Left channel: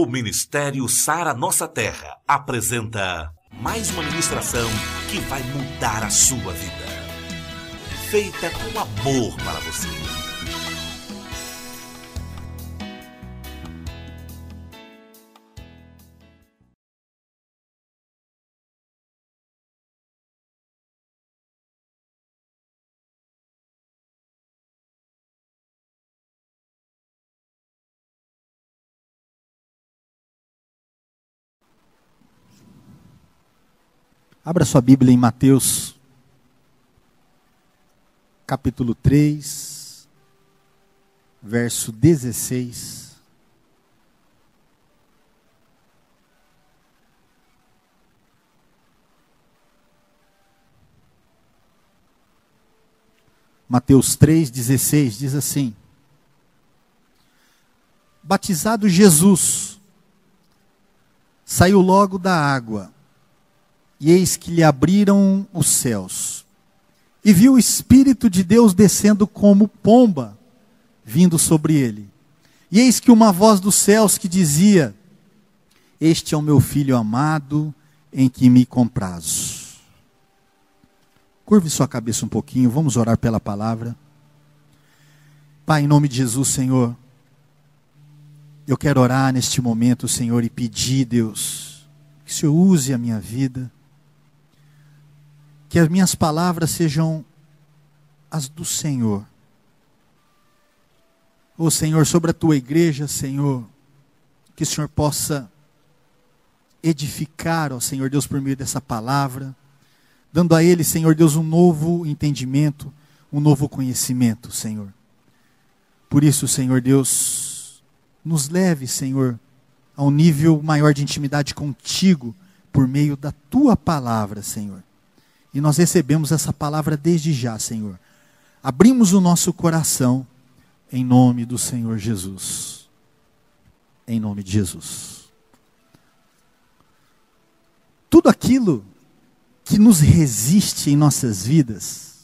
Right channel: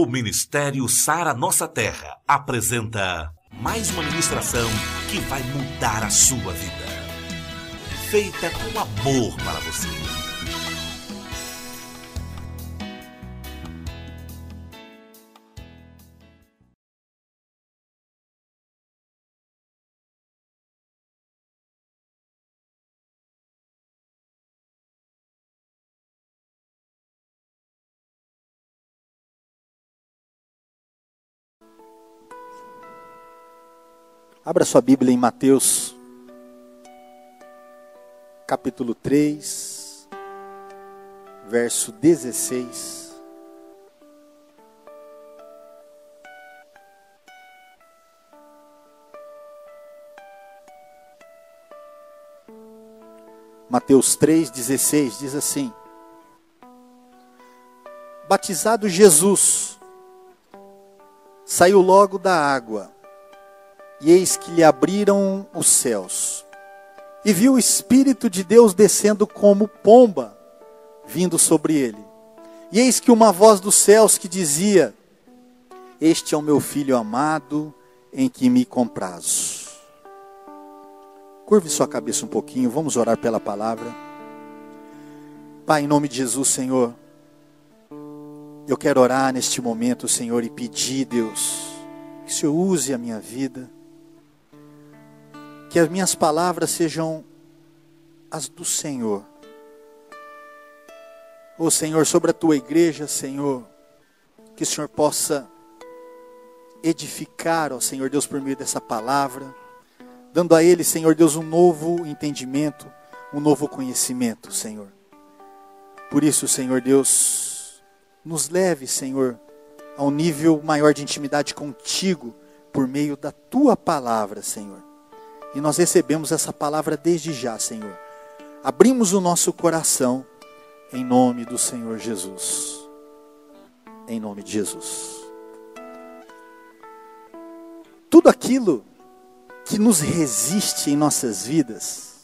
O Ministério Sara Nossa Terra apresenta mais uma ministração que vai mudar a sua vida. Feita com amor para você. Abra sua Bíblia em Mateus, capítulo 3, verso 16. Mateus 3,16 diz assim: Batizado Jesus, saiu logo da água. E eis que lhe abriram os céus, e viu o Espírito de Deus descendo como pomba, vindo sobre ele. E eis que uma voz dos céus que dizia: Este é o meu Filho amado, em que me comprazo. Curve sua cabeça um pouquinho, vamos orar pela palavra. Pai, em nome de Jesus, Senhor, eu quero orar neste momento, Senhor, e pedir, Deus, que o Senhor use a minha vida, que as minhas palavras sejam as do Senhor. Ô Senhor, sobre a tua igreja, Senhor, que o Senhor possa edificar, ó Senhor Deus, por meio dessa palavra, dando a ele, Senhor Deus, um novo entendimento, um novo conhecimento, Senhor. Por isso, Senhor Deus, nos leve, Senhor, a um nível maior de intimidade contigo, por meio da tua palavra, Senhor. E nós recebemos essa palavra desde já, Senhor. Abrimos o nosso coração em nome do Senhor Jesus. Em nome de Jesus. Tudo aquilo que nos resiste em nossas vidas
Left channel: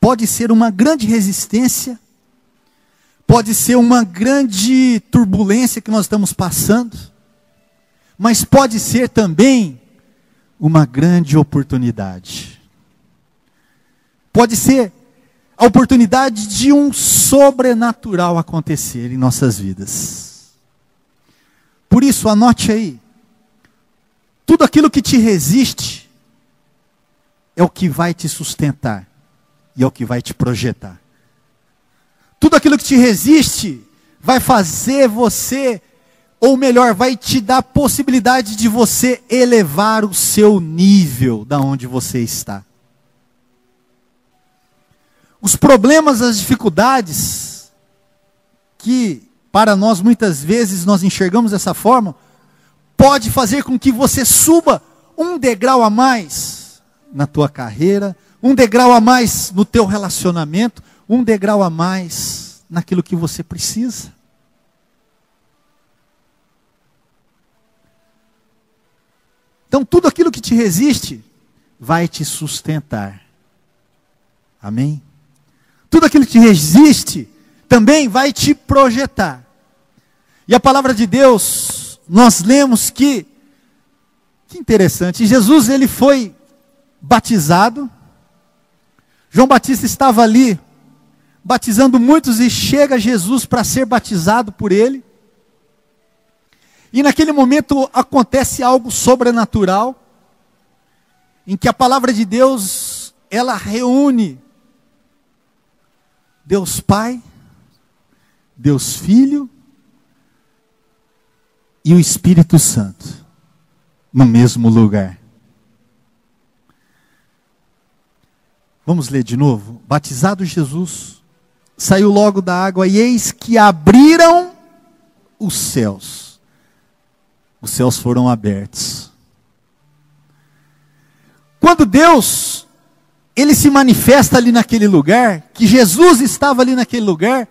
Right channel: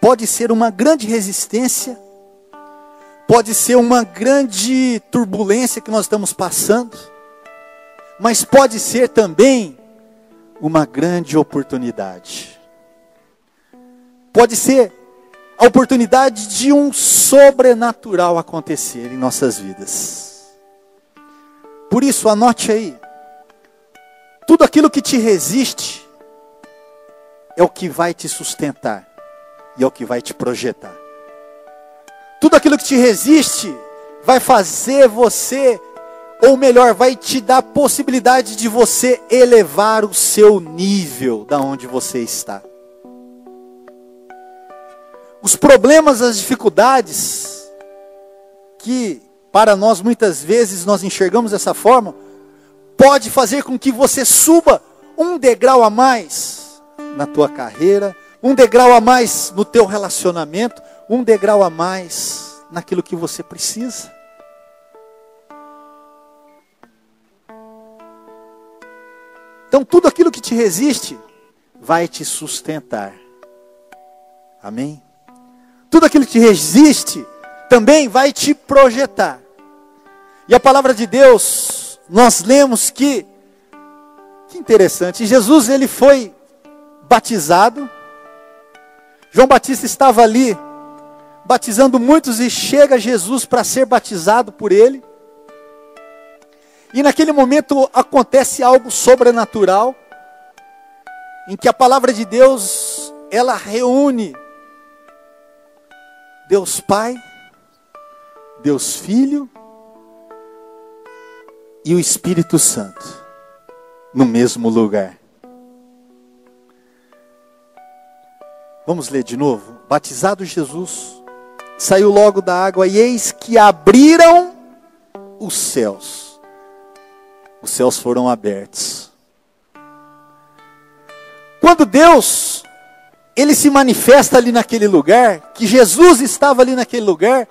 pode ser uma grande resistência, pode ser uma grande turbulência que nós estamos passando, mas pode ser também uma grande oportunidade. Pode ser a oportunidade de um sobrenatural acontecer em nossas vidas. Por isso, anote aí. Tudo aquilo que te resiste é o que vai te sustentar e é o que vai te projetar. Tudo aquilo que te resiste vai fazer você, ou melhor, vai te dar a possibilidade de você elevar o seu nível da onde você está. Os problemas, as dificuldades, que para nós muitas vezes nós enxergamos dessa forma, pode fazer com que você suba um degrau a mais na tua carreira, um degrau a mais no teu relacionamento, um degrau a mais naquilo que você precisa. Então tudo aquilo que te resiste vai te sustentar. Amém? Tudo aquilo que te resiste também vai te projetar. E a palavra de Deus, nós lemos que interessante, Jesus ele foi batizado. João Batista estava ali batizando muitos e chega Jesus para ser batizado por ele. E naquele momento acontece algo sobrenatural, em que a palavra de Deus, ela reúne Deus Pai, Deus Filho e o Espírito Santo no mesmo lugar. Vamos ler de novo. Batizado Jesus, saiu logo da água e eis que abriram os céus. Os céus foram abertos. Quando Deus, ele se manifesta ali naquele lugar, que Jesus estava ali naquele lugar,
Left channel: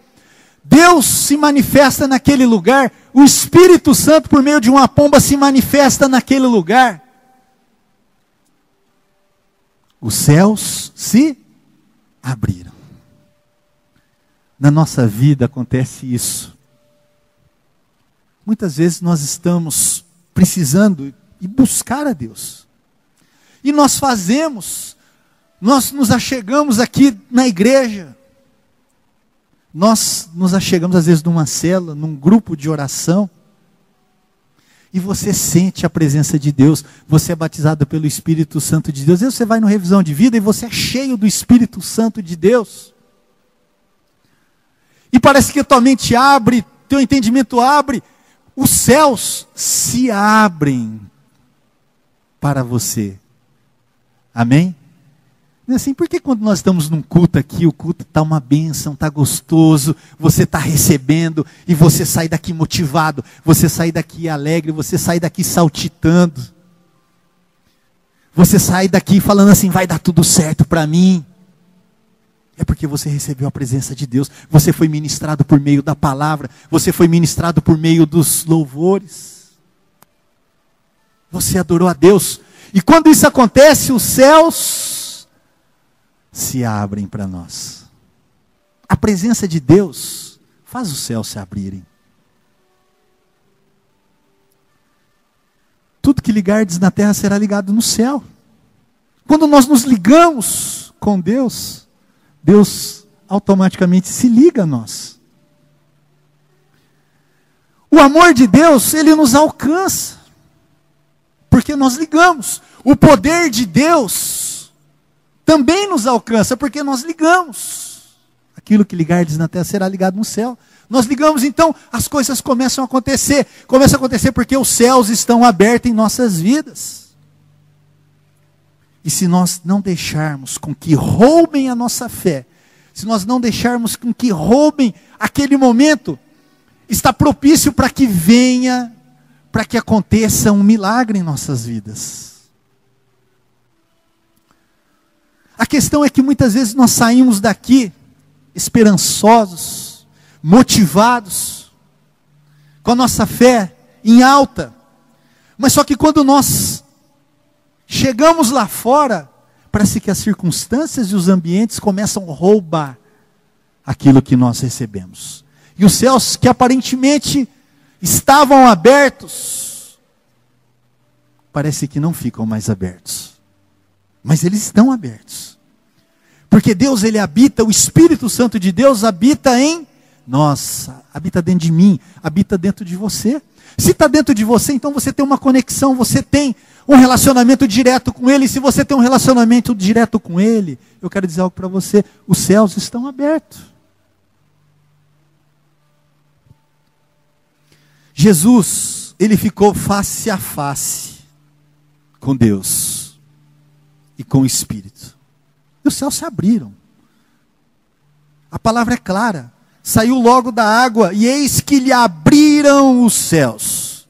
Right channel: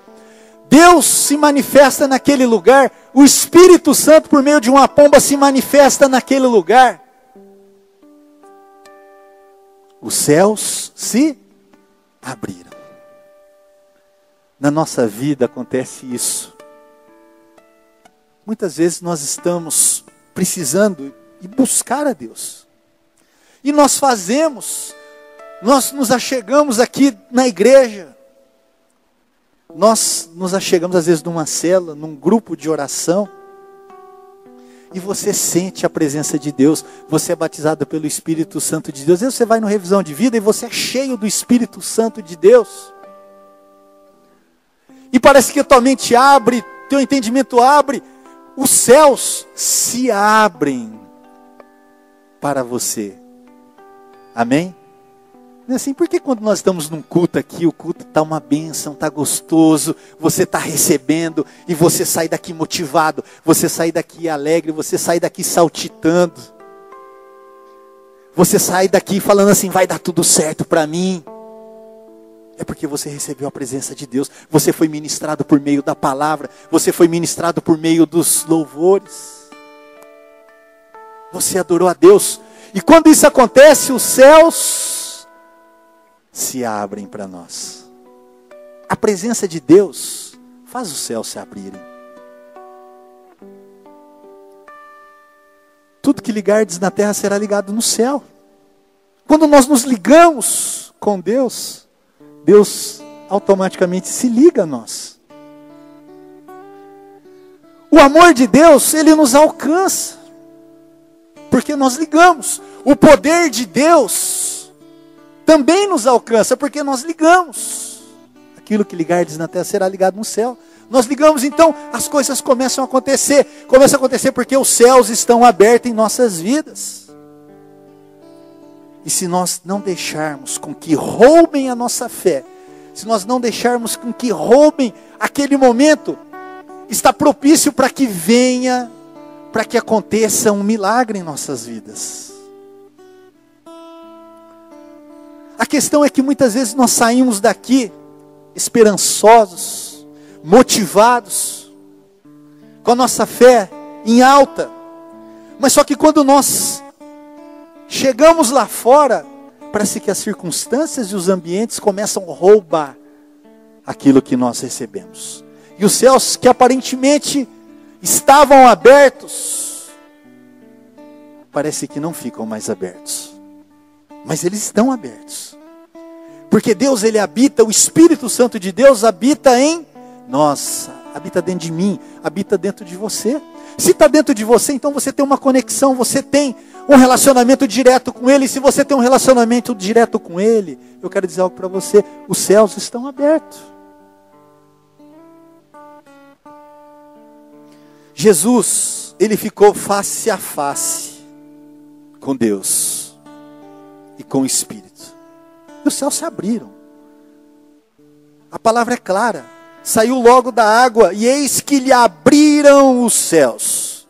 Deus se manifesta naquele lugar, o Espírito Santo por meio de uma pomba se manifesta naquele lugar. Os céus se abriram. Na nossa vida acontece isso. muitas vezes nós estamos precisando ir buscar a Deus. E nós nos achegamos aqui na igreja, nós nos achegamos às vezes numa célula, num grupo de oração, e você sente a presença de Deus, você é batizado pelo Espírito Santo de Deus. Às vezes você vai no revisão de vida e você é cheio do Espírito Santo de Deus. E parece que a tua mente abre, teu entendimento abre, os céus se abrem para você. Amém? Não é assim? Porque quando nós estamos num culto aqui, o culto está uma bênção, está gostoso, você está recebendo e você sai daqui motivado, você sai daqui alegre, você sai daqui saltitando. Você sai daqui falando assim, vai dar tudo certo para mim. É porque você recebeu a presença de Deus, você foi ministrado por meio da palavra, você foi ministrado por meio dos louvores. Você adorou a Deus. E quando isso acontece, os céus se abrem para nós. A presença de Deus faz os céus se abrirem. Tudo que ligardes na terra será ligado no céu. Quando nós nos ligamos com Deus, Deus automaticamente se liga a nós. O amor de Deus, ele nos alcança, porque nós ligamos. O poder de Deus também nos alcança, porque nós ligamos. Aquilo que ligardes na terra será ligado no céu. Nós ligamos, então as coisas começam a acontecer. Começam a acontecer porque os céus estão abertos em nossas vidas. E se nós não deixarmos com que roubem a nossa fé, se nós não deixarmos com que roubem aquele momento, está propício para que venha, para que aconteça um milagre em nossas vidas. A questão é que muitas vezes nós saímos daqui esperançosos, motivados, com a nossa fé em alta, mas só que quando nós chegamos lá fora, parece que as circunstâncias e os ambientes começam a roubar aquilo que nós recebemos. E os céus que aparentemente estavam abertos, parece que não ficam mais abertos. Mas eles estão abertos. Porque Deus, ele habita, o Espírito Santo de Deus habita em nós, habita dentro de mim, habita dentro de você. Se está dentro de você, então você tem uma conexão, você tem um relacionamento direto com Ele. E se você tem um relacionamento direto com Ele, eu quero dizer algo para você, os céus estão abertos. Jesus, ele ficou face a face com Deus e com o Espírito. E os céus se abriram. A palavra é clara. Saiu logo da água, e eis que lhe abriram os céus.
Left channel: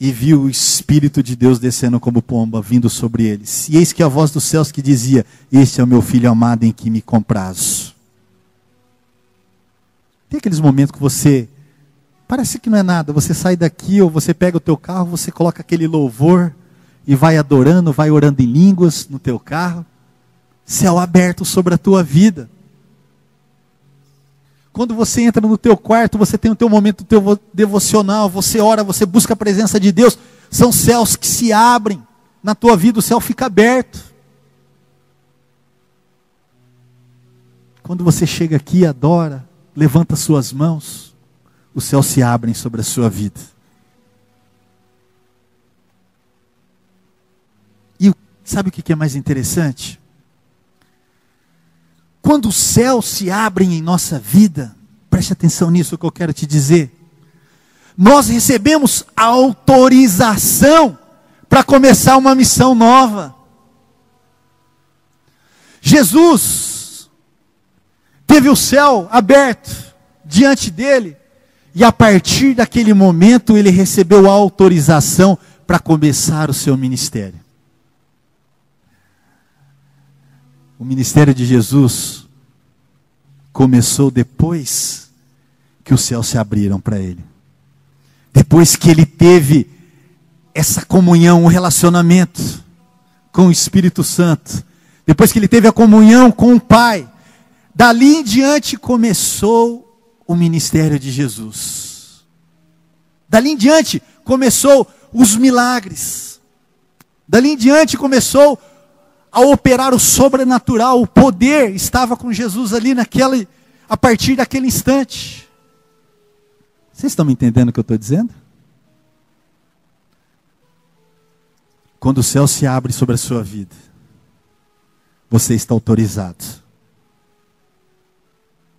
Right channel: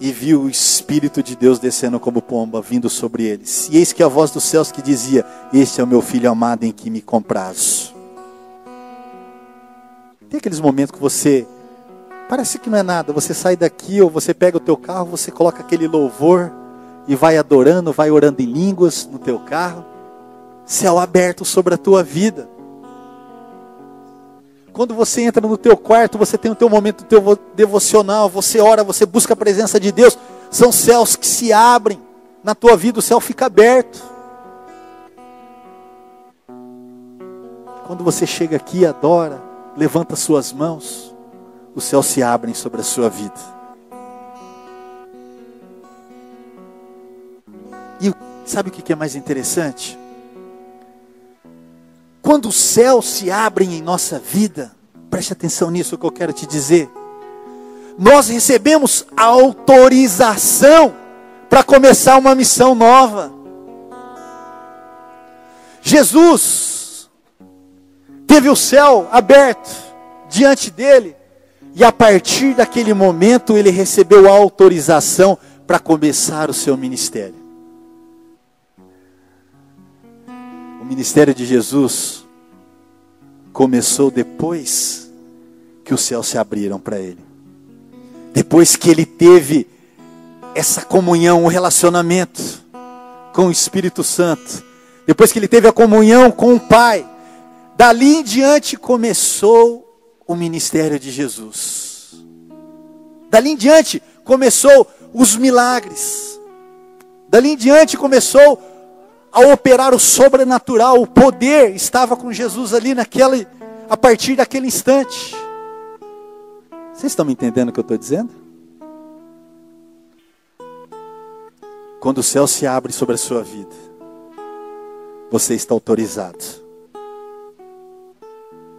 E viu o Espírito de Deus descendo como pomba, vindo sobre eles. E eis que a voz dos céus que dizia: este é o meu filho amado em que me comprazo. Tem aqueles momentos que você, parece que não é nada, você sai daqui, ou você pega o teu carro, você coloca aquele louvor, e vai adorando, vai orando em línguas no teu carro. Céu aberto sobre a tua vida. Quando você entra no teu quarto, você tem o teu momento teu devocional, você ora, você busca a presença de Deus. São céus que se abrem na tua vida, o céu fica aberto. Quando você chega aqui e adora, levanta suas mãos, os céus se abrem sobre a sua vida. E sabe o que é mais interessante? Quando os céus se abrem em nossa vida, preste atenção nisso que eu quero te dizer. Nós recebemos autorização para começar uma missão nova. Jesus teve o céu aberto diante dele, e a partir daquele momento ele recebeu a autorização para começar o seu ministério. O ministério de Jesus começou depois que os céus se abriram para ele. Depois que ele teve essa comunhão, um relacionamento com o Espírito Santo. Depois que ele teve a comunhão com o Pai. Dali em diante começou o ministério de Jesus. Dali em diante começou os milagres. Dali em diante começou a operar o sobrenatural. O poder estava com Jesus ali a partir daquele instante. Vocês estão me entendendo o que eu estou dizendo? Quando o céu se abre sobre a sua vida, você está autorizado.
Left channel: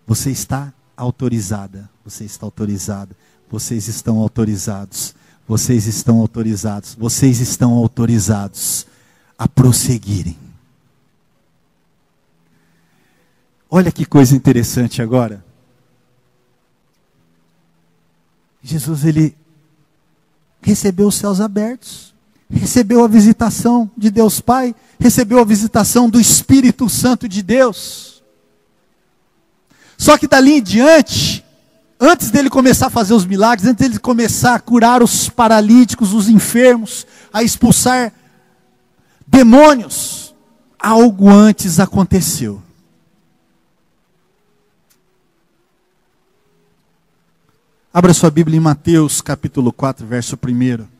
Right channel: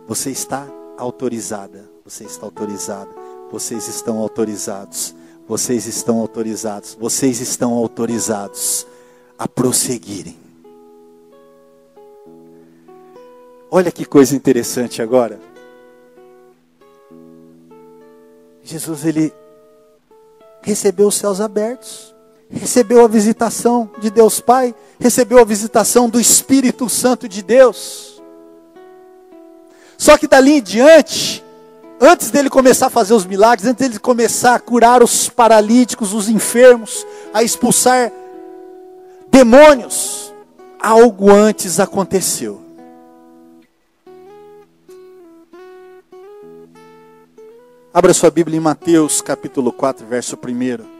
Você está autorizada. Você está autorizada. Vocês estão autorizados. Vocês estão autorizados. Vocês estão autorizados a prosseguirem. Olha que coisa interessante agora. Jesus, ele recebeu os céus abertos. Recebeu a visitação de Deus Pai, recebeu a visitação do Espírito Santo de Deus. Só que dali em diante, antes dele começar a fazer os milagres, antes dele começar a curar os paralíticos, os enfermos, a expulsar demônios, algo antes aconteceu. Abra sua Bíblia em Mateus capítulo 4, verso 1.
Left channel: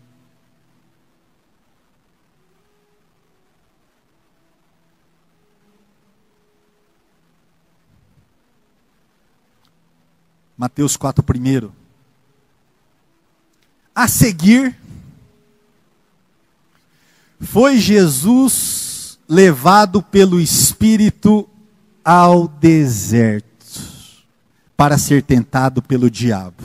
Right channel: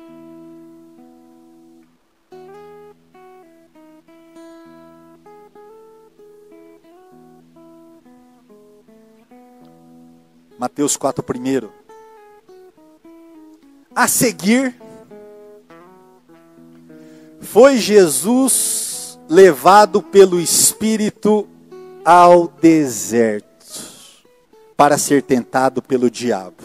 Mateus 4, 1. A seguir, foi Jesus levado pelo Espírito ao deserto, para ser tentado pelo diabo.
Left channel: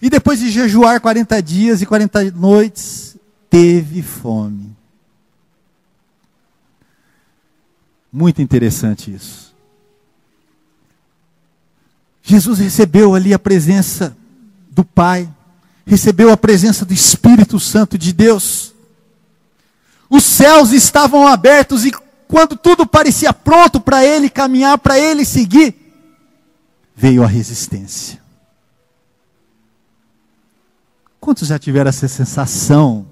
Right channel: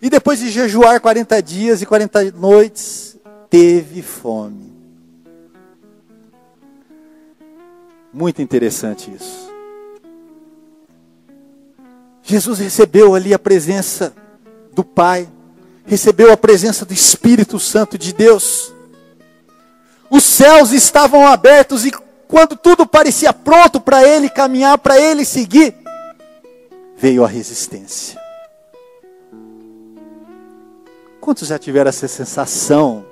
E depois de jejuar 40 dias e 40 noites, teve fome. Muito interessante isso. Jesus recebeu ali a presença do Pai, recebeu a presença do Espírito Santo de Deus. Os céus estavam abertos e quando tudo parecia pronto para ele caminhar, para ele seguir, veio a resistência. Quantos já tiveram essa sensação?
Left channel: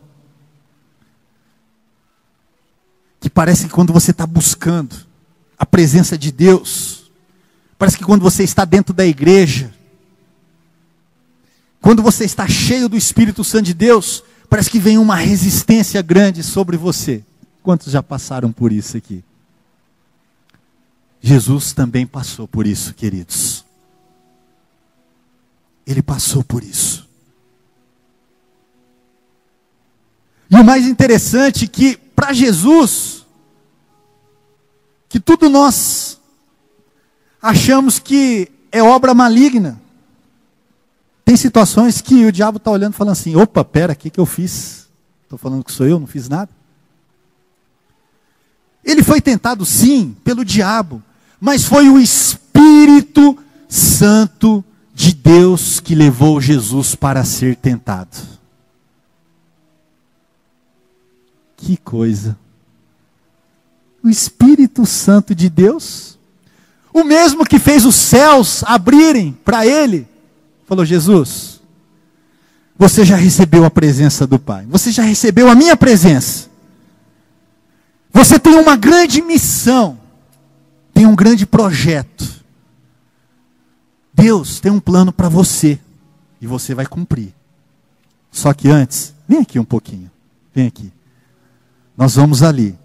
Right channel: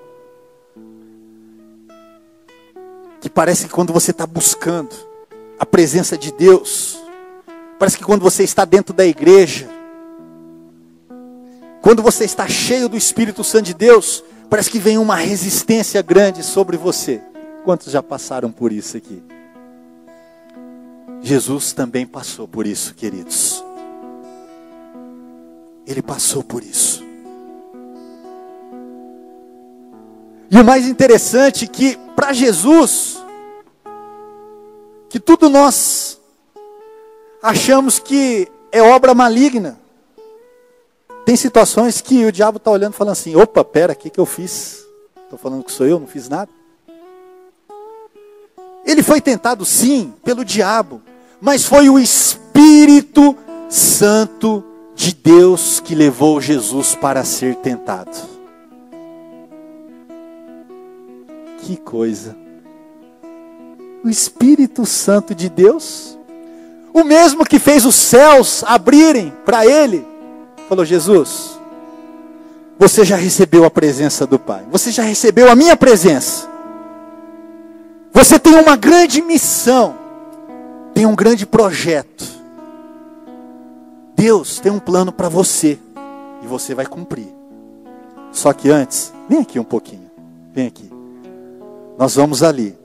Que parece que quando você está buscando a presença de Deus, parece que quando você está dentro da igreja, quando você está cheio do Espírito Santo de Deus, parece que vem uma resistência grande sobre você. Quantos já passaram por isso aqui? Jesus também passou por isso, queridos. Ele passou por isso. E o mais interessante é que para Jesus, que tudo nós achamos que é obra maligna. Tem situações que o diabo está olhando e falando assim, opa, pera, o que eu fiz? Estou falando que sou eu, não fiz nada. Ele foi tentado sim, pelo diabo, mas foi o Espírito Santo de Deus que levou Jesus para ser tentado. Que coisa. O Espírito Santo de Deus, o mesmo que fez os céus abrirem para ele, falou, Jesus, você já recebeu a presença do Pai, você já recebeu a minha presença, você tem uma grande missão, tem um grande projeto, Deus tem um plano para você, e você vai cumprir. Só que antes, vem aqui um pouquinho, vem aqui, nós vamos ali.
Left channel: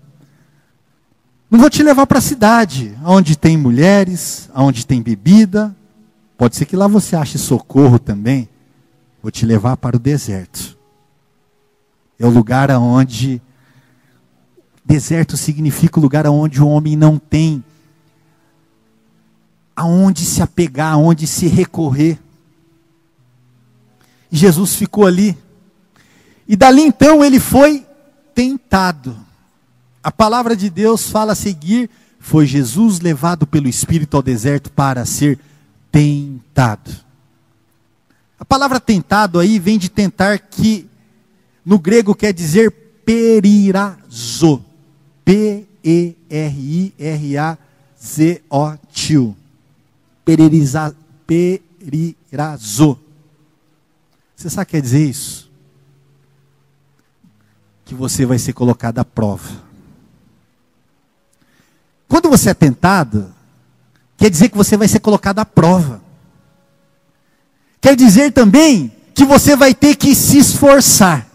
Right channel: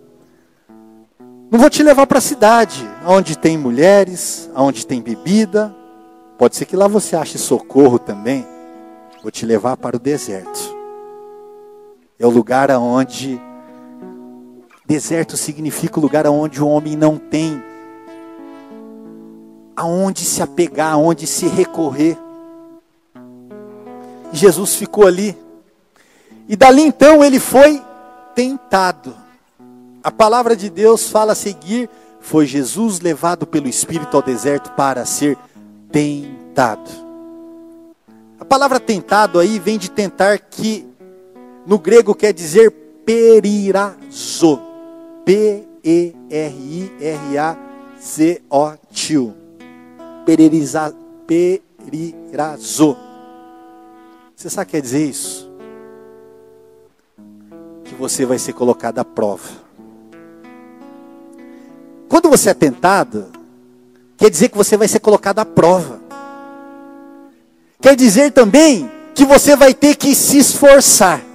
Não vou te levar para a cidade, onde tem mulheres, onde tem bebida. Pode ser que lá você ache socorro também. Vou te levar para o deserto. É o lugar onde... Deserto significa o lugar onde o homem não tem aonde se apegar, aonde se recorrer. E Jesus ficou ali. E dali então ele foi tentado. A palavra de Deus fala a seguir, foi Jesus levado pelo Espírito ao deserto para ser tentado. A palavra tentado aí vem de tentar, que no grego quer dizer perirazo. P-E-R-I-R-A-Z-O-T-U. Perirazo. Você sabe o que quer dizer isso? Que você vai ser colocado à prova. Quando você é tentado, quer dizer que você vai ser colocado à prova. Quer dizer também que você vai ter que se esforçar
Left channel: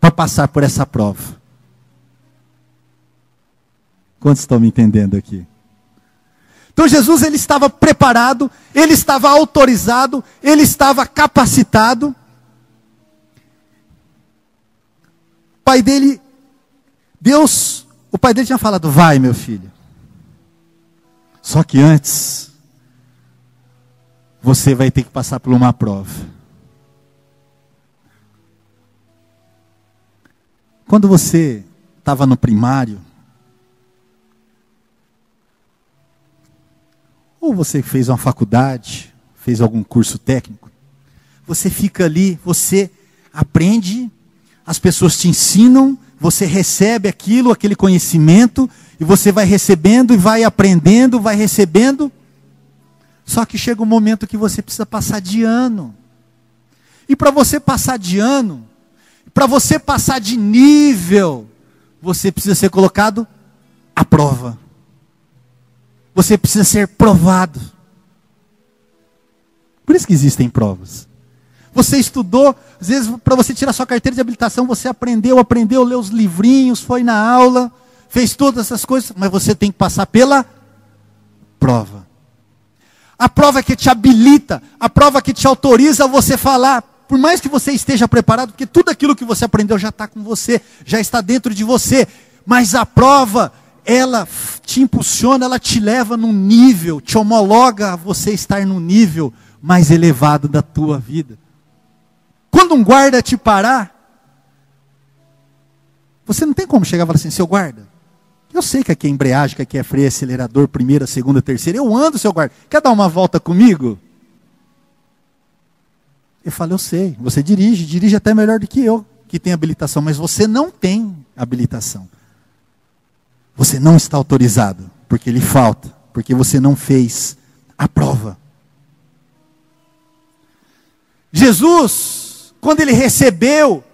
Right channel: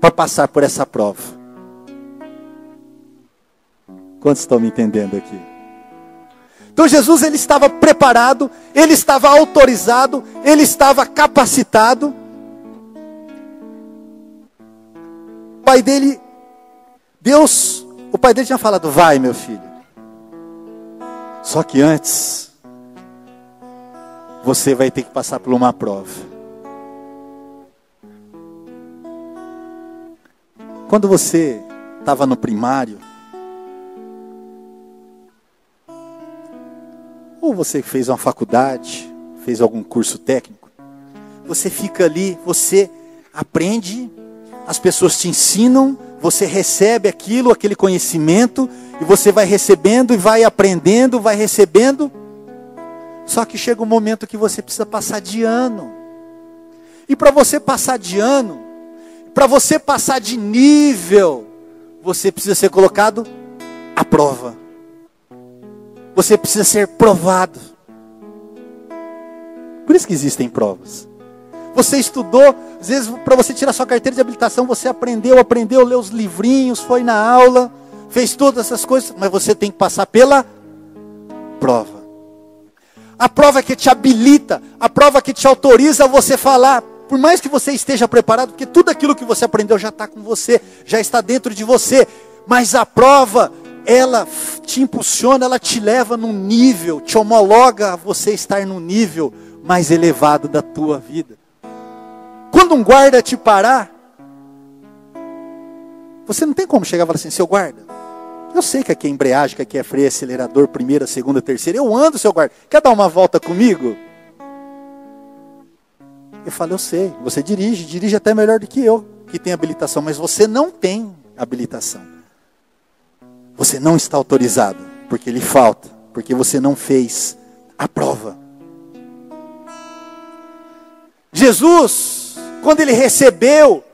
para passar por essa prova. Quantos estão me entendendo aqui? Então Jesus, ele estava preparado, ele estava autorizado, ele estava capacitado. O pai dele, Deus, o pai dele tinha falado, vai meu filho. Só que antes, você vai ter que passar por uma prova. Quando você estava no primário, ou você fez uma faculdade, fez algum curso técnico, você fica ali, você aprende, as pessoas te ensinam, você recebe aquilo, aquele conhecimento, e você vai recebendo e vai aprendendo, vai recebendo. Só que chega um momento que você precisa passar de ano. E para você passar de ano, para você passar de nível, você precisa ser colocado à prova. Você precisa ser provado. Por isso que existem provas. Você estudou, às vezes para você tirar sua carteira de habilitação, você aprendeu, leu os livrinhos, foi na aula, fez todas essas coisas, mas você tem que passar pela prova. A prova que te habilita, a prova que te autoriza a você falar, por mais que você esteja preparado, porque tudo aquilo que você aprendeu já está com você, já está dentro de você, mas a prova, ela te impulsiona, ela te leva num nível, te homologa a você estar num nível mais elevado da tua vida. Quando um guarda te parar, você não tem como chegar e falar assim, seu guarda, eu sei que aqui é embreagem, que aqui é freio, acelerador, primeira, segunda, terceira, eu ando, seu guarda, quer dar uma volta comigo? Eu falo, eu sei, você dirige até melhor do que eu, que tem habilitação, mas você não tem habilitação. Você não está autorizado, porque lhe falta, porque você não fez a prova. Jesus, quando ele recebeu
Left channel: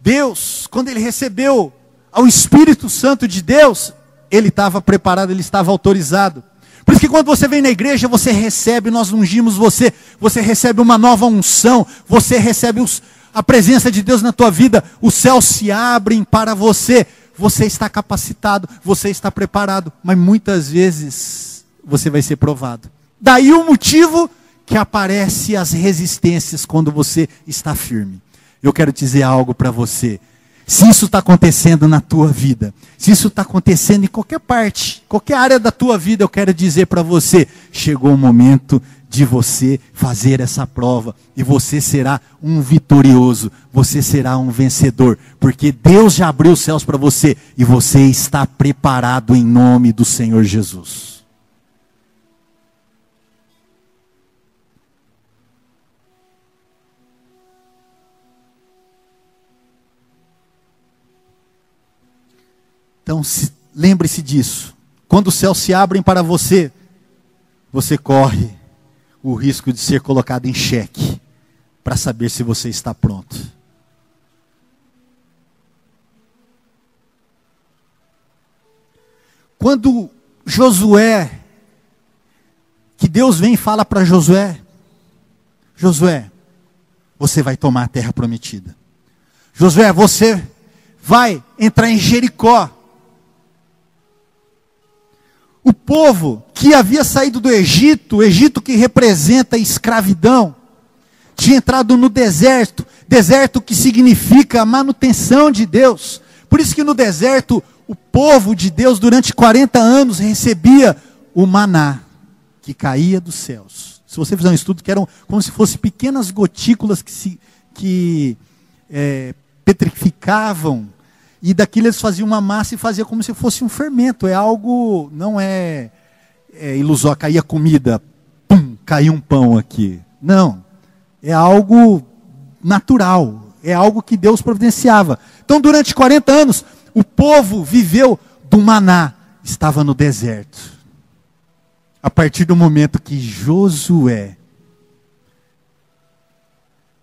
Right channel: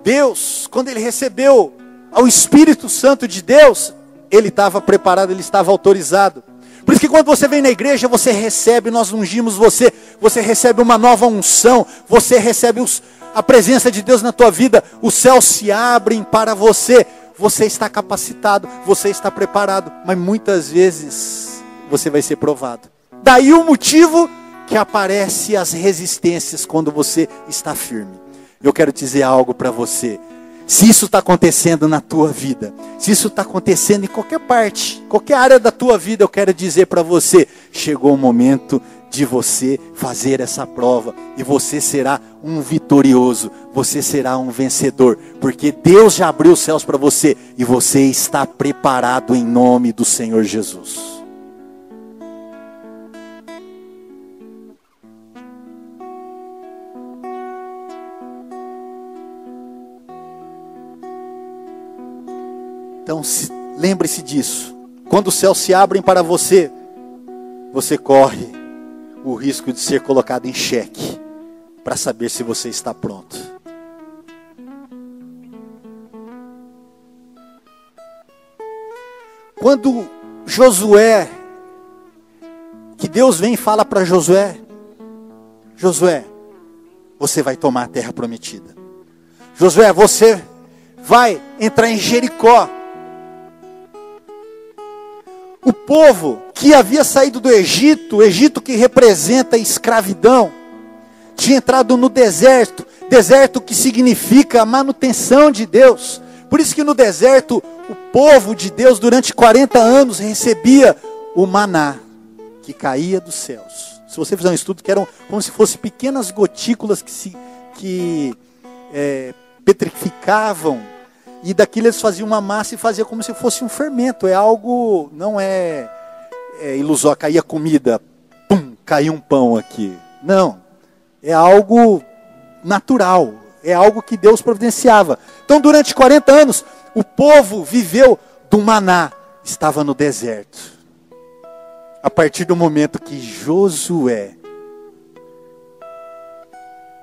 Deus, quando ele recebeu ao Espírito Santo de Deus, ele estava preparado, ele estava autorizado. Por isso que quando você vem na igreja, você recebe, nós ungimos você, você recebe uma nova unção, você recebe a presença de Deus na tua vida, os céus se abrem para você, você está capacitado, você está preparado, mas muitas vezes você vai ser provado. Daí o motivo que aparece as resistências quando você está firme. Eu quero dizer algo para você. Se isso está acontecendo na tua vida, se isso está acontecendo em qualquer parte, qualquer área da tua vida, eu quero dizer para você, chegou o momento de você fazer essa prova, e você será um vitorioso, você será um vencedor, porque Deus já abriu os céus para você, e você está preparado em nome do Senhor Jesus. Então, lembre-se disso. Quando os céus se abrem para você, você corre o risco de ser colocado em xeque, para saber se você está pronto. Quando Josué, que Deus vem e fala para Josué, Josué, você vai tomar a terra prometida. Josué, você vai entrar em Jericó. O povo que havia saído do Egito, o Egito que representa a escravidão, tinha entrado no deserto, deserto que significa a manutenção de Deus. Por isso que no deserto, o povo de Deus durante 40 anos recebia o maná, que caía dos céus. Se você fizer um estudo, que eram como se fossem pequenas gotículas que petrificavam, e daquilo eles faziam uma massa e fazia como se fosse um fermento. É algo, não é ilusório, caía comida, pum, caiu um pão aqui. Não, é algo natural, é algo que Deus providenciava. Então durante 40 anos, o povo viveu do maná, estava no deserto. A partir do momento que Josué,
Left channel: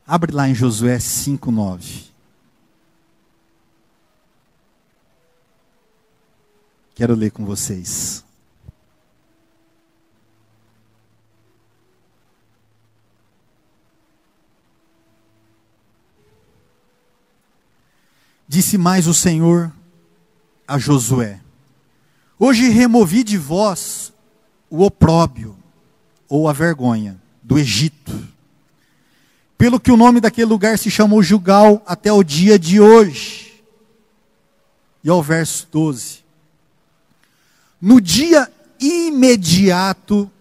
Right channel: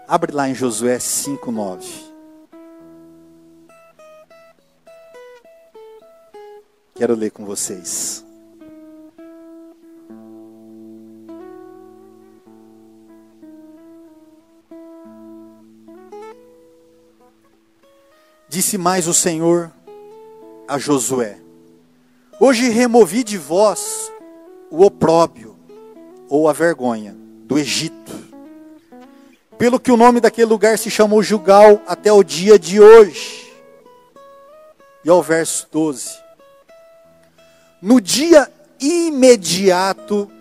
abre lá em Josué 5:9. Quero ler com vocês. Disse mais o Senhor a Josué: hoje removi de vós o opróbrio, ou a vergonha, do Egito, pelo que o nome daquele lugar se chamou Gilgal até o dia de hoje. E ao verso 12: no dia imediato,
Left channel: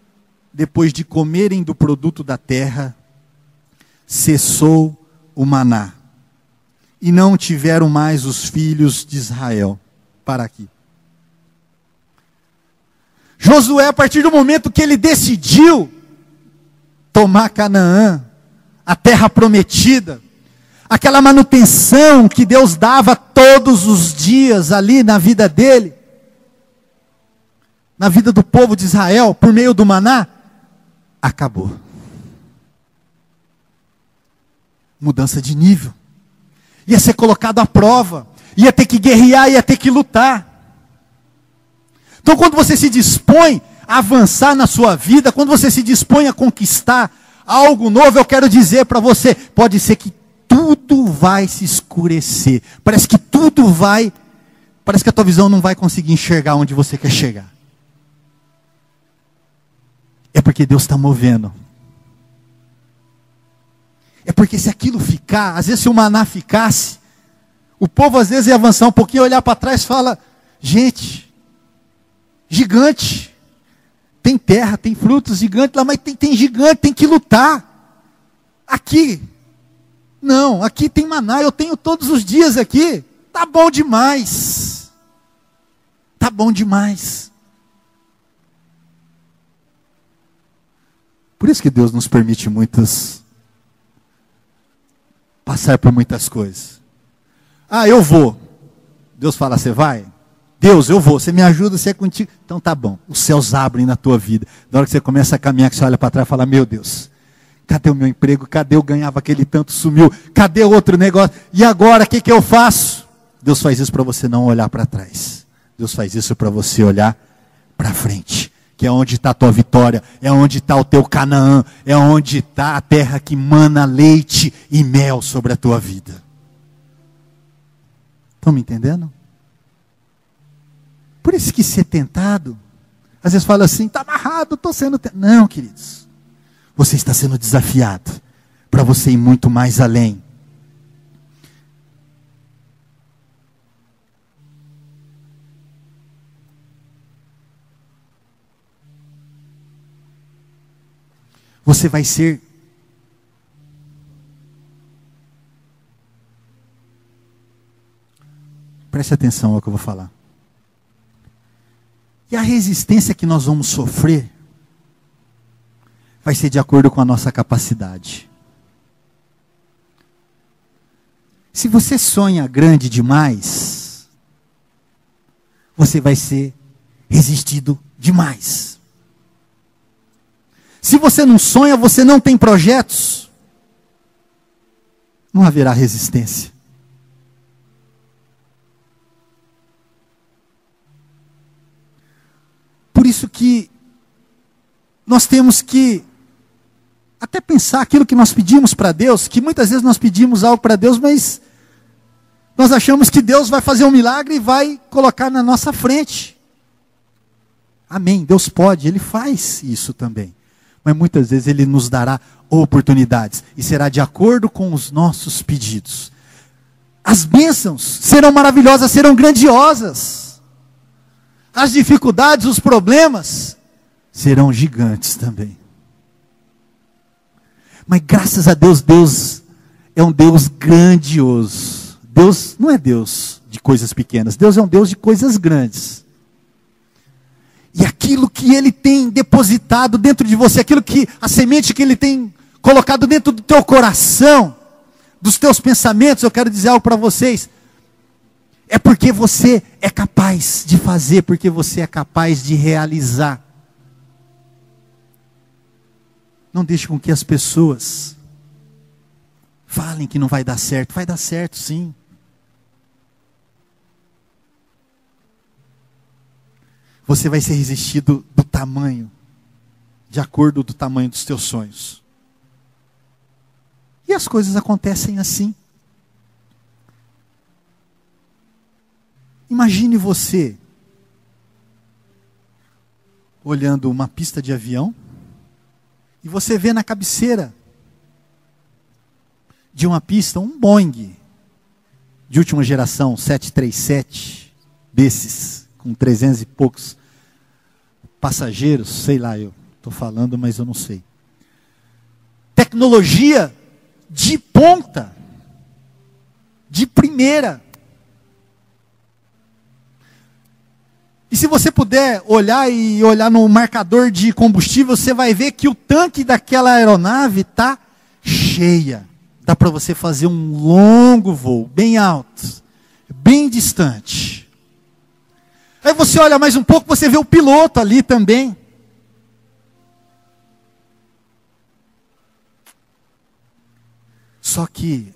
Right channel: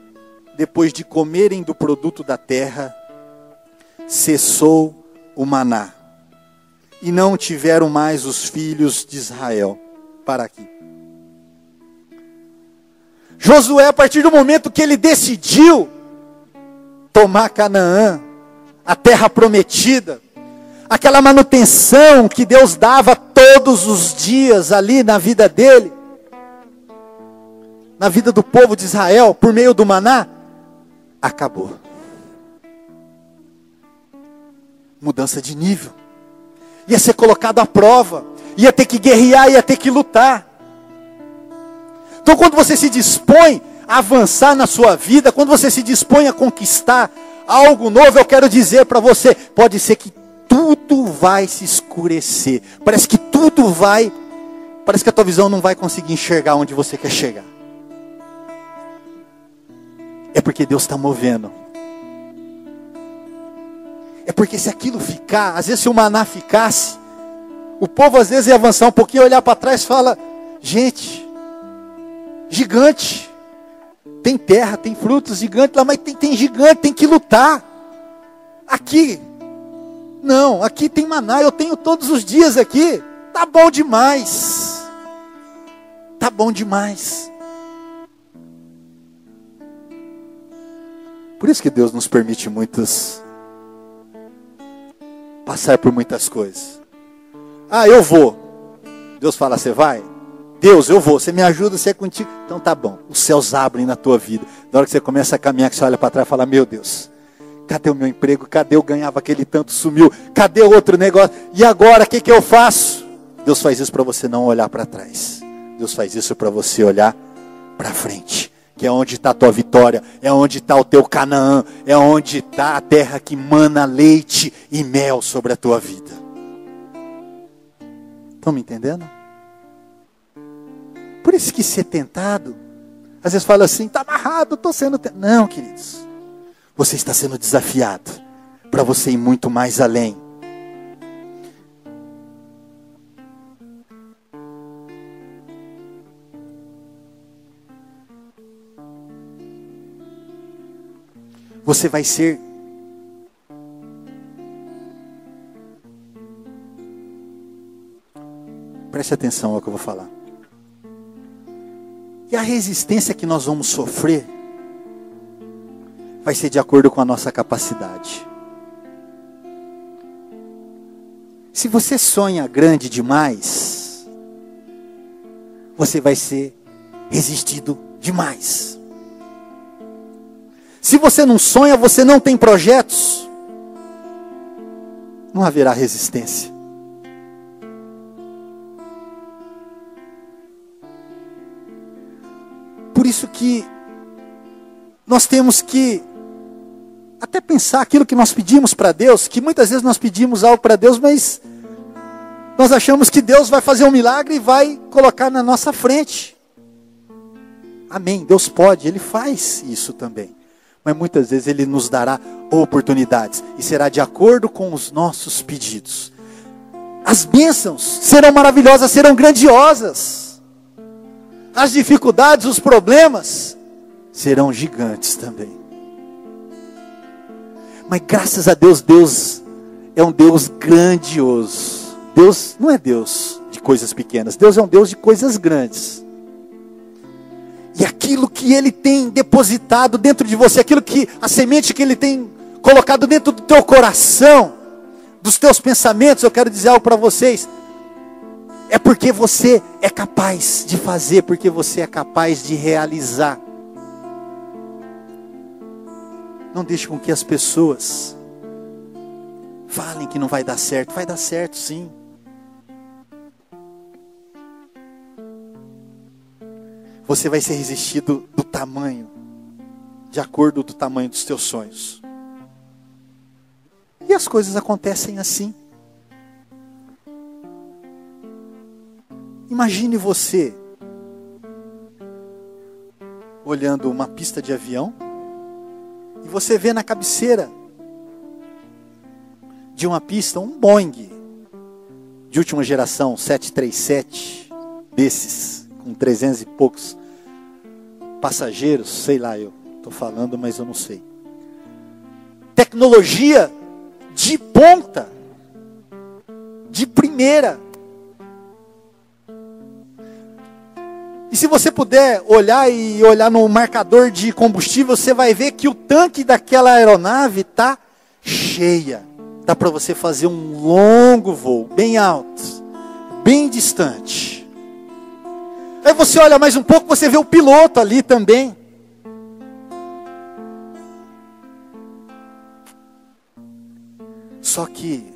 depois de comerem do produto da terra, cessou o maná, e não tiveram mais os filhos de Israel. Para aqui. Josué, a partir do momento que ele decidiu tomar Canaã, a terra prometida, aquela manutenção que Deus dava todos os dias ali na vida dele, na vida do povo de Israel, por meio do maná, acabou. Mudança de nível. Ia ser colocado à prova, ia ter que guerrear, ia ter que lutar. Então, quando você se dispõe a avançar na sua vida, quando você se dispõe a conquistar algo novo, eu quero dizer para você, pode ser que tudo vai se escurecer, parece que a tua visão não vai conseguir enxergar onde você quer chegar. É porque Deus está movendo. É porque se aquilo ficar, às vezes se o maná ficasse, o povo às vezes ia avançar um pouquinho, olhar para trás e fala: gente, gigante, tem terra, tem frutos, gigante lá, mas tem gigante, tem que lutar. Aqui, não, aqui tem maná, eu tenho todos os dias aqui, tá bom demais. Tá bom demais. Por isso que Deus nos permite passar por muitas coisas. Ah, eu vou. Deus fala: você vai? Deus, eu vou. Você me ajuda, você é contigo. Então tá bom. Os céus abrem na tua vida. Na hora que você começa a caminhar, que você olha para trás e fala: meu Deus, cadê o meu emprego? Cadê eu ganhava aquele tanto, sumiu? Cadê o outro negócio? E agora, o que eu faço? Deus faz isso para você não olhar para trás. Deus faz isso para você olhar para frente. Que é onde está a tua vitória, é onde está o teu Canaã, é onde está a terra que mana leite e mel sobre a tua vida. Estão me entendendo? Por isso que ser tentado, às vezes fala assim: está amarrado, estou sendo tentado. Não, queridos, você está sendo desafiado para você ir muito mais além. Você vai ser preste atenção ao que eu vou falar. E a resistência que nós vamos sofrer vai ser de acordo com a nossa capacidade. Se você sonha grande demais, você vai ser resistido demais. Se você não sonha, você não tem projetos, não haverá resistência. Por isso que nós temos que até pensar aquilo que nós pedimos para Deus, que muitas vezes nós pedimos algo para Deus, mas nós achamos que Deus vai fazer um milagre e vai colocar na nossa frente. Amém, Deus pode, Ele faz isso também. Mas muitas vezes Ele nos dará oportunidades. E será de acordo com os nossos pedidos. As bênçãos serão maravilhosas, serão grandiosas. As dificuldades, os problemas, serão gigantes também. Mas graças a Deus, Deus é um Deus grandioso. Deus não é Deus de coisas pequenas. Deus é um Deus de coisas grandes. E aquilo que Ele tem depositado dentro de você, a semente que Ele tem colocado dentro do teu coração, dos teus pensamentos, eu quero dizer algo para vocês. É porque você é capaz de fazer, porque você é capaz de realizar. Não deixe com que as pessoas falem que não vai dar certo. Vai dar certo sim. Você vai ser resistido do tamanho, de acordo do tamanho dos teus sonhos. E as coisas acontecem assim. Imagine você olhando uma pista de avião e você vê na cabeceira de uma pista um Boeing de última geração, 737, desses, com 300 e poucos passageiros, sei lá, eu estou falando, mas eu não sei. Tecnologia de ponta, de primeira. E se você puder olhar no marcador de combustível, você vai ver que o tanque daquela aeronave está cheia. Dá para você fazer um longo voo, bem alto, bem distante. Aí você olha mais um pouco, você vê o piloto ali também. Só que,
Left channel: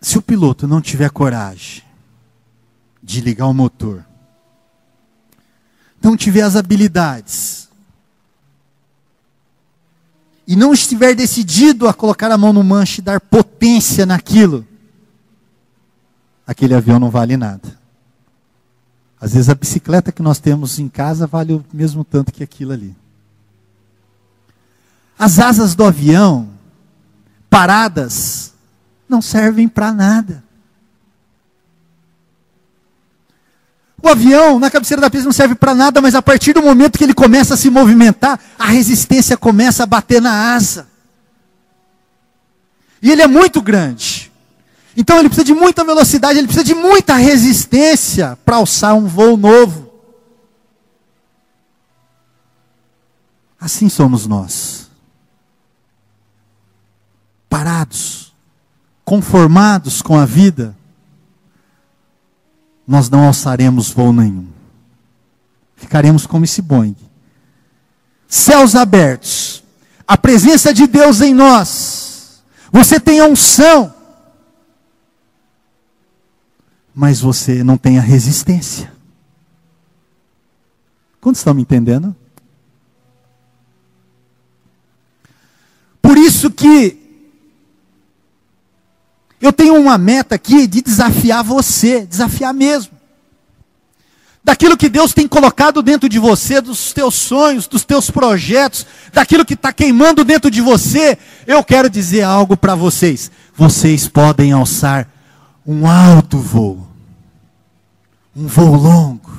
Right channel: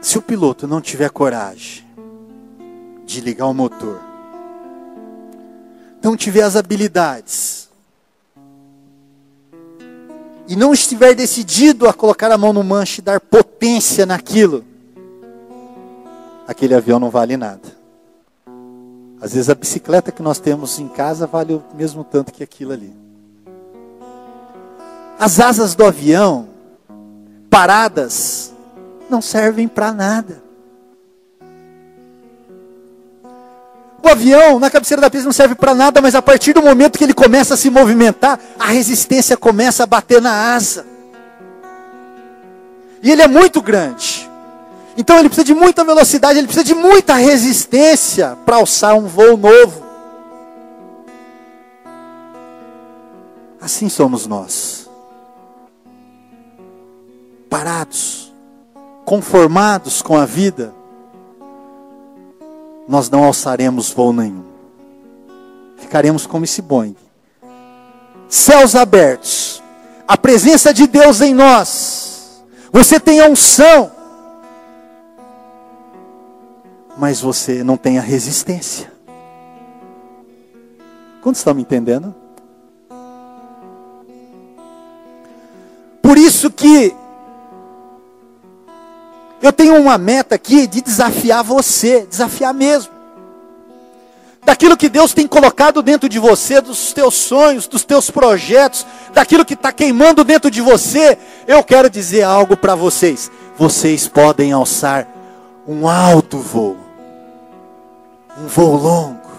se o piloto não tiver coragem de ligar o motor, não tiver as habilidades, e não estiver decidido a colocar a mão no manche e dar potência naquilo, aquele avião não vale nada. Às vezes a bicicleta que nós temos em casa vale o mesmo tanto que aquilo ali. As asas do avião, paradas, não servem para nada. O avião, na cabeceira da pista, não serve para nada, mas a partir do momento que ele começa a se movimentar, a resistência começa a bater na asa. E ele é muito grande. Então ele precisa de muita velocidade, ele precisa de muita resistência para alçar um voo novo. Assim somos nós. Parados, conformados com a vida, nós não alçaremos voo nenhum. Ficaremos como esse Boeing. Céus abertos. A presença de Deus em nós. Você tem a unção. Mas você não tem a resistência. Quantos estão me entendendo? Por isso que eu tenho uma meta aqui de desafiar você, desafiar mesmo. Daquilo que Deus tem colocado dentro de você, dos teus sonhos, dos teus projetos, daquilo que está queimando dentro de você, eu quero dizer algo para vocês. Vocês podem alçar um alto voo, um voo longo,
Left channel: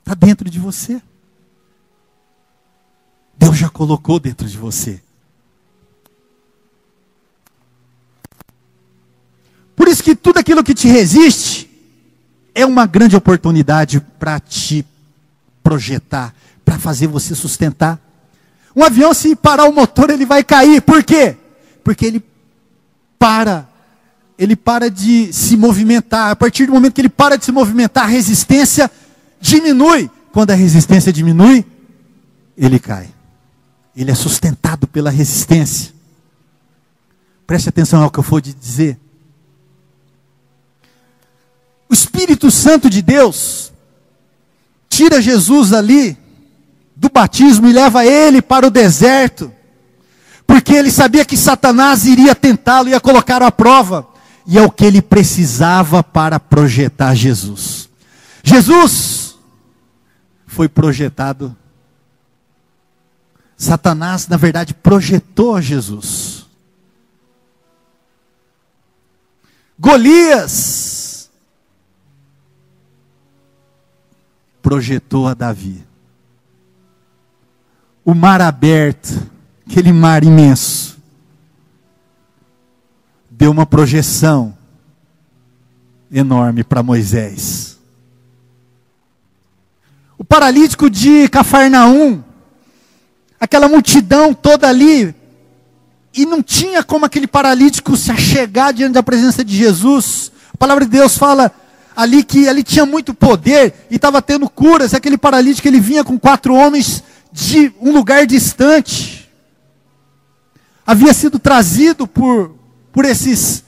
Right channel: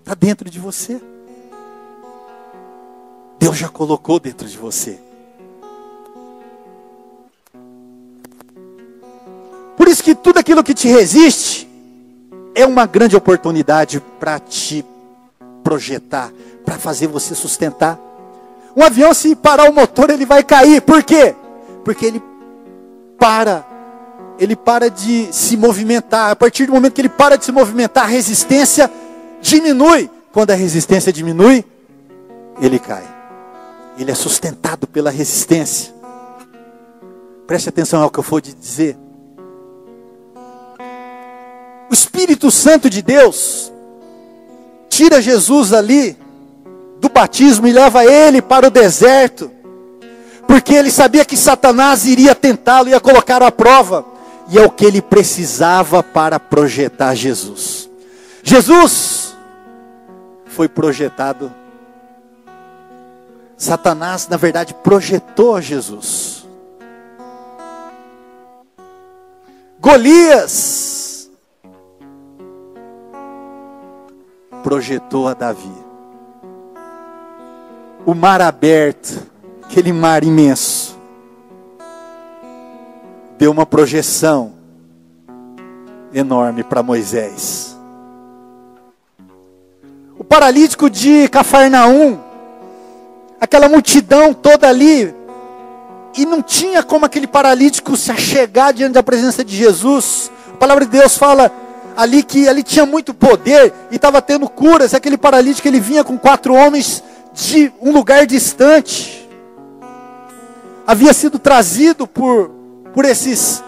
está dentro de você. Deus já colocou dentro de você. Por isso que tudo aquilo que te resiste é uma grande oportunidade para te projetar, para fazer você sustentar. Um avião, se parar o motor, ele vai cair. Por quê? Porque ele para de se movimentar. A partir do momento que ele para de se movimentar, a resistência diminui. Quando a resistência diminui, ele cai. Ele é sustentado pela resistência. Preste atenção ao que eu vou dizer. O Espírito Santo de Deus tira Jesus ali do batismo e leva ele para o deserto, porque ele sabia que Satanás iria tentá-lo, ia colocar à prova, e é o que ele precisava para projetar Jesus. Jesus foi projetado. Satanás, na verdade, projetou Jesus. Golias projetou a Davi. O mar aberto, aquele mar imenso, deu uma projeção enorme para Moisés. O paralítico de Cafarnaum, aquela multidão toda ali, e não tinha como aquele paralítico se achegar diante da presença de Jesus. A palavra de Deus fala ali que ali tinha muito poder e estava tendo curas. Aquele paralítico, ele vinha com 4 homens de um lugar distante. Havia sido trazido por esses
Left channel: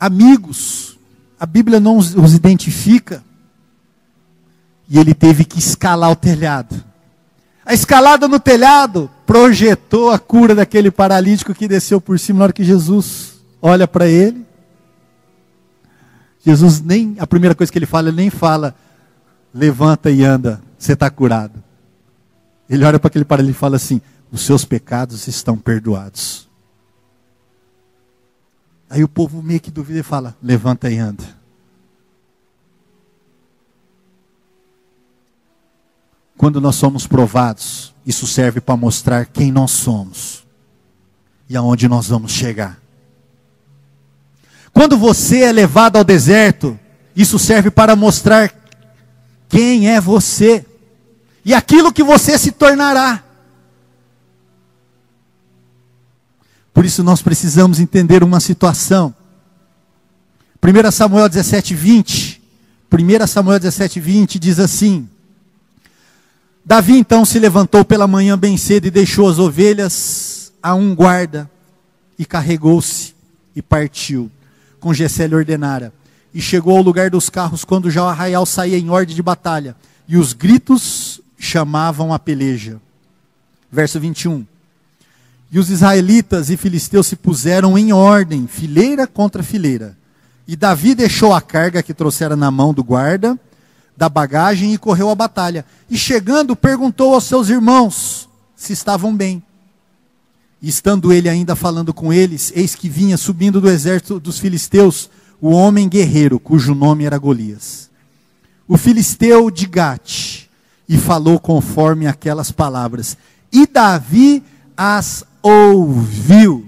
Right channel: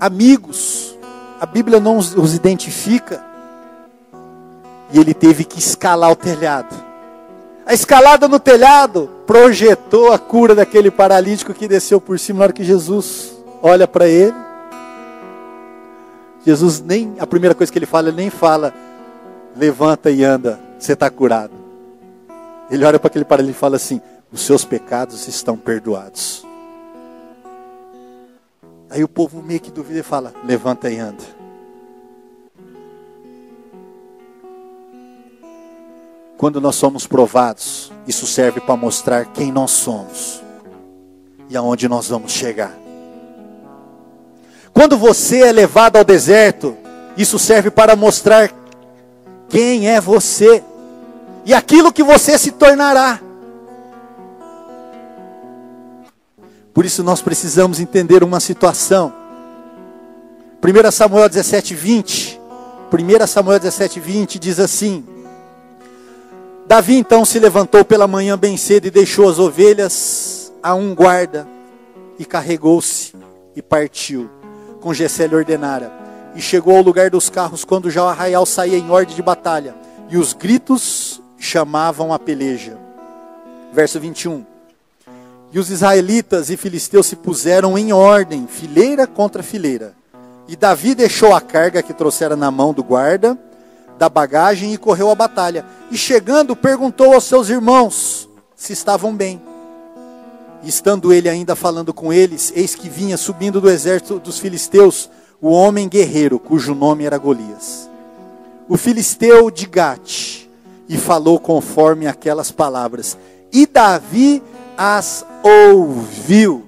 amigos. A Bíblia não os identifica. E ele teve que escalar o telhado. A escalada no telhado projetou a cura daquele paralítico que desceu por cima. Na hora que Jesus olha para ele, Jesus nem, a primeira coisa que ele nem fala, levanta e anda, você está curado. Ele olha para aquele paralítico e fala assim, os seus pecados estão perdoados. Aí o povo meio que duvida e fala, levanta e anda. Quando nós somos provados, isso serve para mostrar quem nós somos e aonde nós vamos chegar. Quando você é levado ao deserto, isso serve para mostrar quem é você e aquilo que você se tornará. Por isso nós precisamos entender uma situação. 1 Samuel 17:20. 1 Samuel 17:20 diz assim: Davi então se levantou pela manhã bem cedo e deixou as ovelhas a um guarda e carregou-se e partiu, com Jessé lhe ordenara. E chegou ao lugar dos carros quando já o arraial saía em ordem de batalha, e os gritos chamavam a peleja. Verso 21. E os israelitas e filisteus se puseram em ordem, fileira contra fileira. E Davi deixou a carga que trouxera na mão do guarda, da bagagem, e correu à batalha. E chegando, perguntou aos seus irmãos se estavam bem. E estando ele ainda falando com eles, eis que vinha subindo do exército dos filisteus o homem guerreiro, cujo nome era Golias, o filisteu de Gate, e falou conforme aquelas palavras. E Davi as ouviu.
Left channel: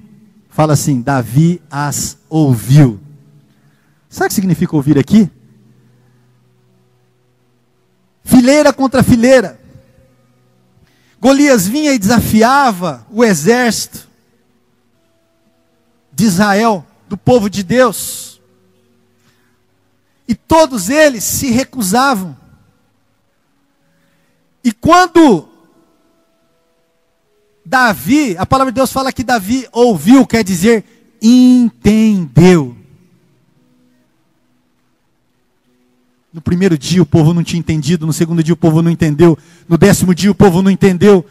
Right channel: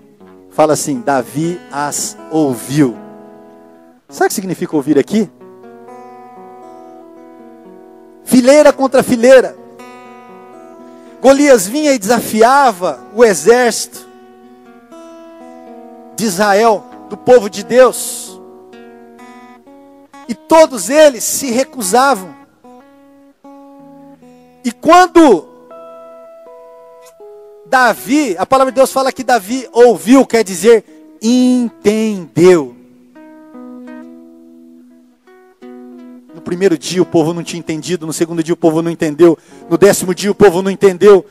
Fala assim, Davi as ouviu. Sabe o que significa ouvir aqui? Fileira contra fileira. Golias vinha e desafiava o exército de Israel, do povo de Deus. E todos eles se recusavam. E quando Davi, a palavra de Deus fala que Davi ouviu, quer dizer, entendeu. No primeiro dia o povo não tinha entendido, no segundo dia o povo não entendeu, no 10º dia o povo não entendeu,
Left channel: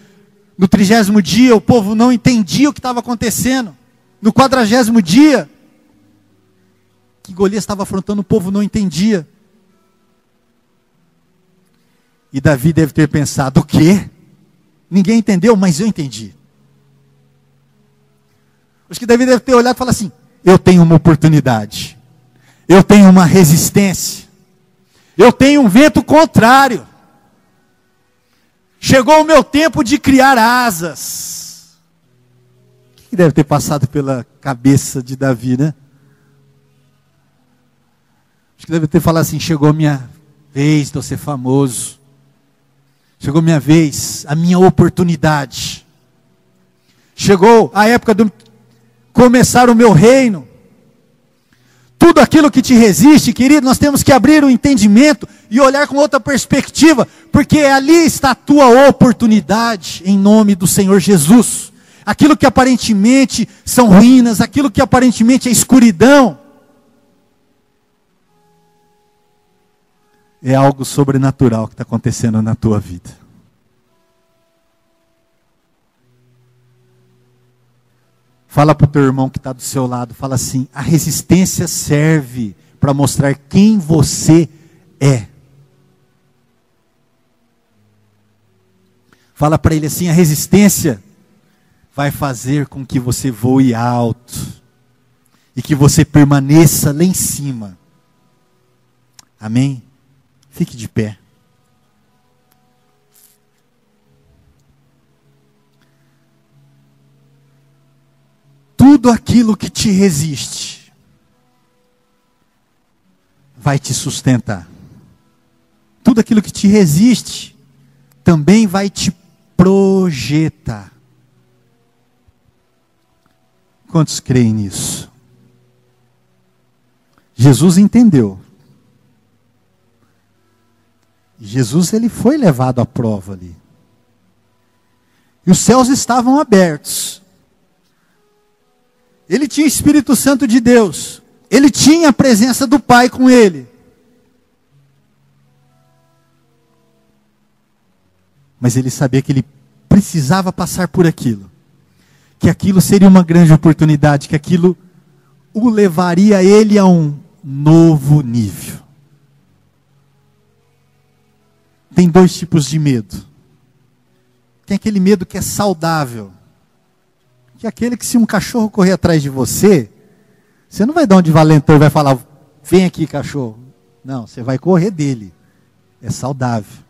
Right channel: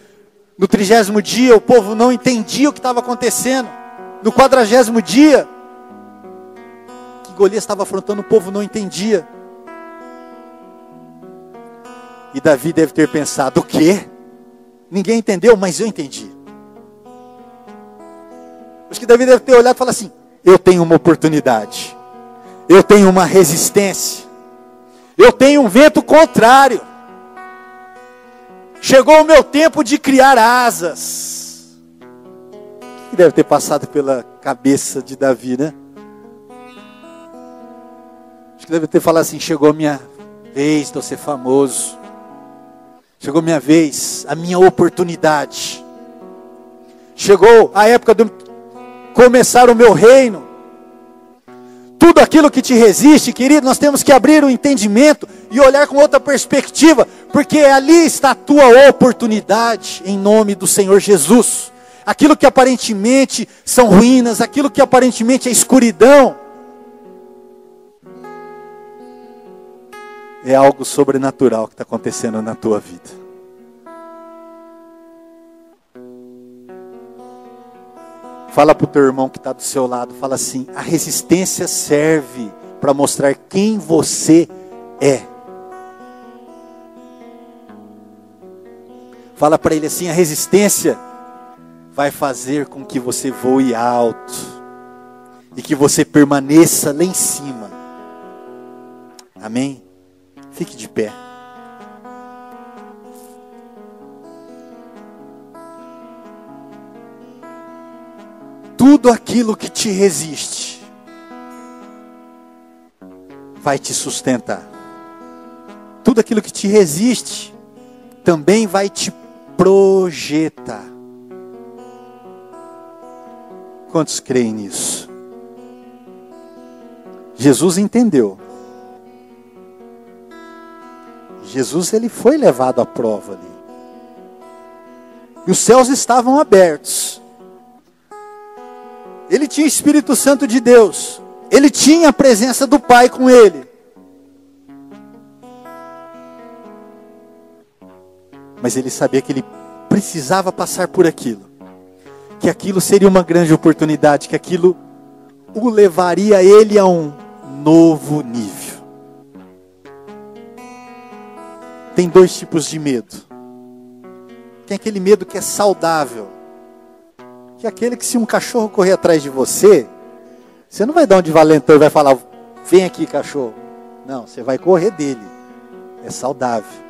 no 30º dia o povo não entendia o que estava acontecendo, no 40º dia que Golias estava afrontando, o povo não entendia. E Davi deve ter pensado, o quê? Ninguém entendeu, mas eu entendi. Acho que Davi deve ter olhado e falado assim, eu tenho uma oportunidade, eu tenho uma resistência, eu tenho um vento contrário. Chegou o meu tempo de criar asas. O que deve ter passado pela cabeça de Davi, né? Acho que deve ter falado assim, chegou a minha vez de eu ser famoso. Chegou a minha vez, a minha oportunidade. Chegou a época de começar o meu reino. Tudo aquilo que te resiste, querido, nós temos que abrir o entendimento e olhar com outra perspectiva, porque ali está a tua oportunidade, em nome do Senhor Jesus. Aquilo que aparentemente são ruínas, aquilo que aparentemente é escuridão, é algo sobrenatural que está acontecendo na tua vida. Fala para o teu irmão que está do seu lado, fala assim, a resistência serve para mostrar quem você é. Fala para ele assim, a resistência vai fazer com que você voe alto e que você permaneça lá em cima. Amém? Fique de pé. Tudo aquilo que te resiste vai te sustentar. Tudo aquilo que te resiste também vai te projetar. Quantos creem nisso? Jesus entendeu. Jesus, ele foi levado à prova ali. E os céus estavam abertos. Ele tinha o Espírito Santo de Deus. Ele tinha a presença do Pai com ele. Mas ele sabia que ele precisava passar por aquilo. Que aquilo seria uma grande oportunidade. Que aquilo o levaria ele a um novo nível. Tem dois tipos de medo. Tem aquele medo que é saudável, que é aquele que se um cachorro correr atrás de você, você não vai dar um de valentão e vai falar, vem aqui cachorro. Não, você vai correr dele. É saudável.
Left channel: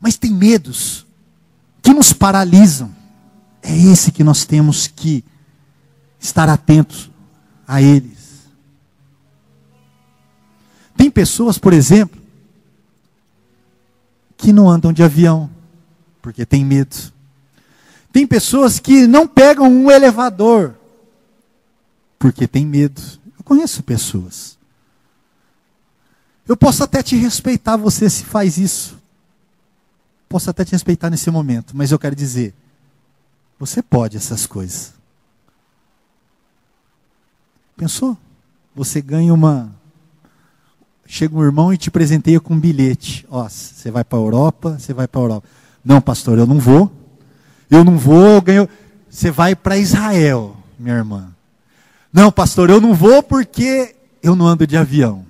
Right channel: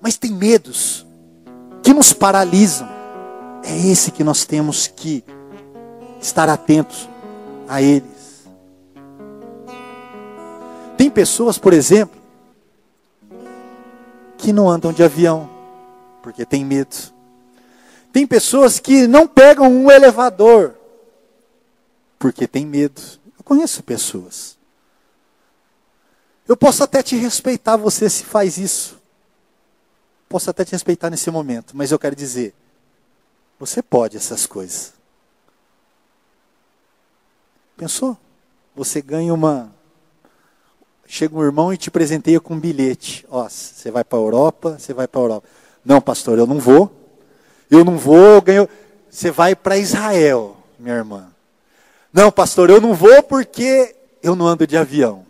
Mas tem medos que nos paralisam. É esse que nós temos que estar atentos a eles. Tem pessoas, por exemplo, que não andam de avião, porque tem medo. Tem pessoas que não pegam um elevador, porque tem medo. Eu conheço pessoas. Eu posso até te respeitar você se faz isso. Posso até te respeitar nesse momento, mas eu quero dizer, você pode essas coisas. Pensou? Você ganha chega um irmão e te presenteia com um bilhete. Ó, você vai para a Europa, você vai para a Europa. Não, pastor, eu não vou. Eu não vou, eu ganho. Você vai para Israel, minha irmã. Não, pastor, eu não vou porque eu não ando de avião.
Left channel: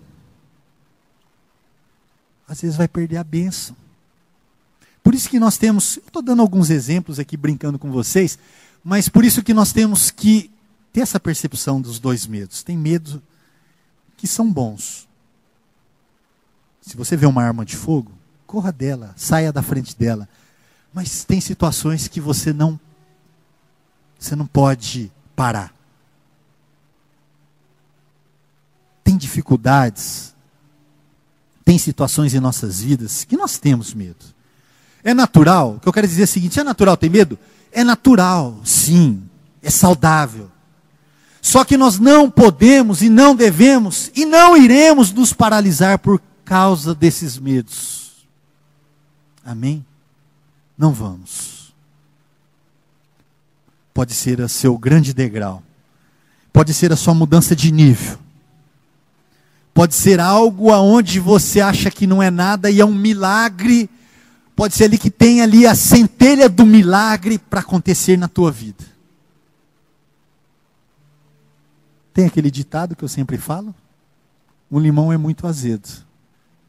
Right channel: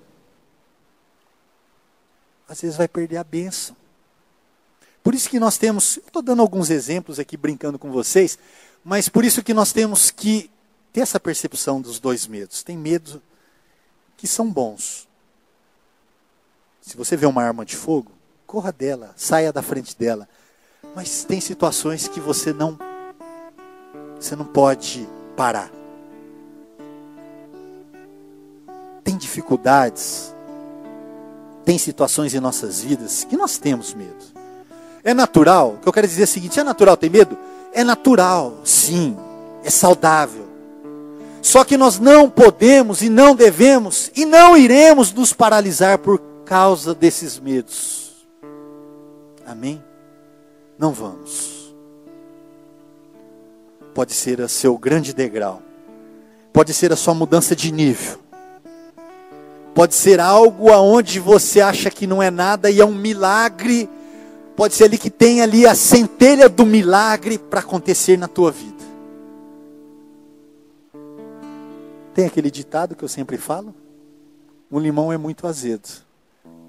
Às vezes vai perder a bênção. Por isso que nós temos, eu estou dando alguns exemplos aqui, brincando com vocês, mas por isso que nós temos que ter essa percepção dos dois medos. Tem medos que são bons. Se você vê uma arma de fogo, corra dela, saia da frente dela. Mas tem situações que você não pode parar. Tem dificuldades, tem situações em nossas vidas que nós temos medo. É natural, o que eu quero dizer é o seguinte, é natural ter medo? É natural, sim, é saudável. Só que nós não podemos e não devemos e não iremos nos paralisar por causa desses medos. Amém? Não vamos. Pode ser o seu grande degrau. Pode ser a sua mudança de nível. Pode ser algo aonde você acha que não é nada e é um milagre. Pode ser ali que tem ali a centelha do milagre para acontecer na tua vida. Tem aquele ditado que eu sempre falo? Um limão é muito azedo.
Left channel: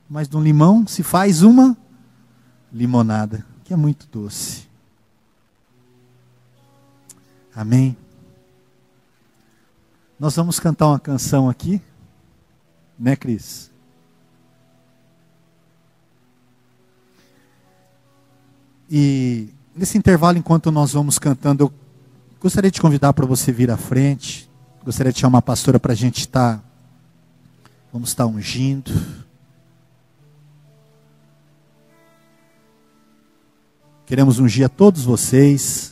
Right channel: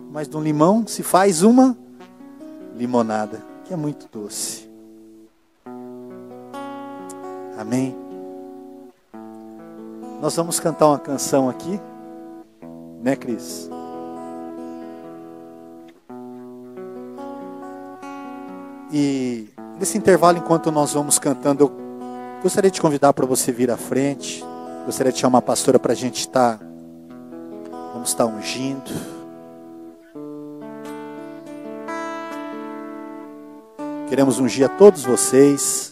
Mas de um limão se faz uma limonada, que é muito doce. Amém? Nós vamos cantar uma canção aqui. Né, Cris? E nesse intervalo, enquanto nós vamos cantando, eu gostaria de convidar para você vir à frente. Gostaria de chamar a pastora para a gente estar. Vamos estar ungindo. Queremos ungir a todos vocês.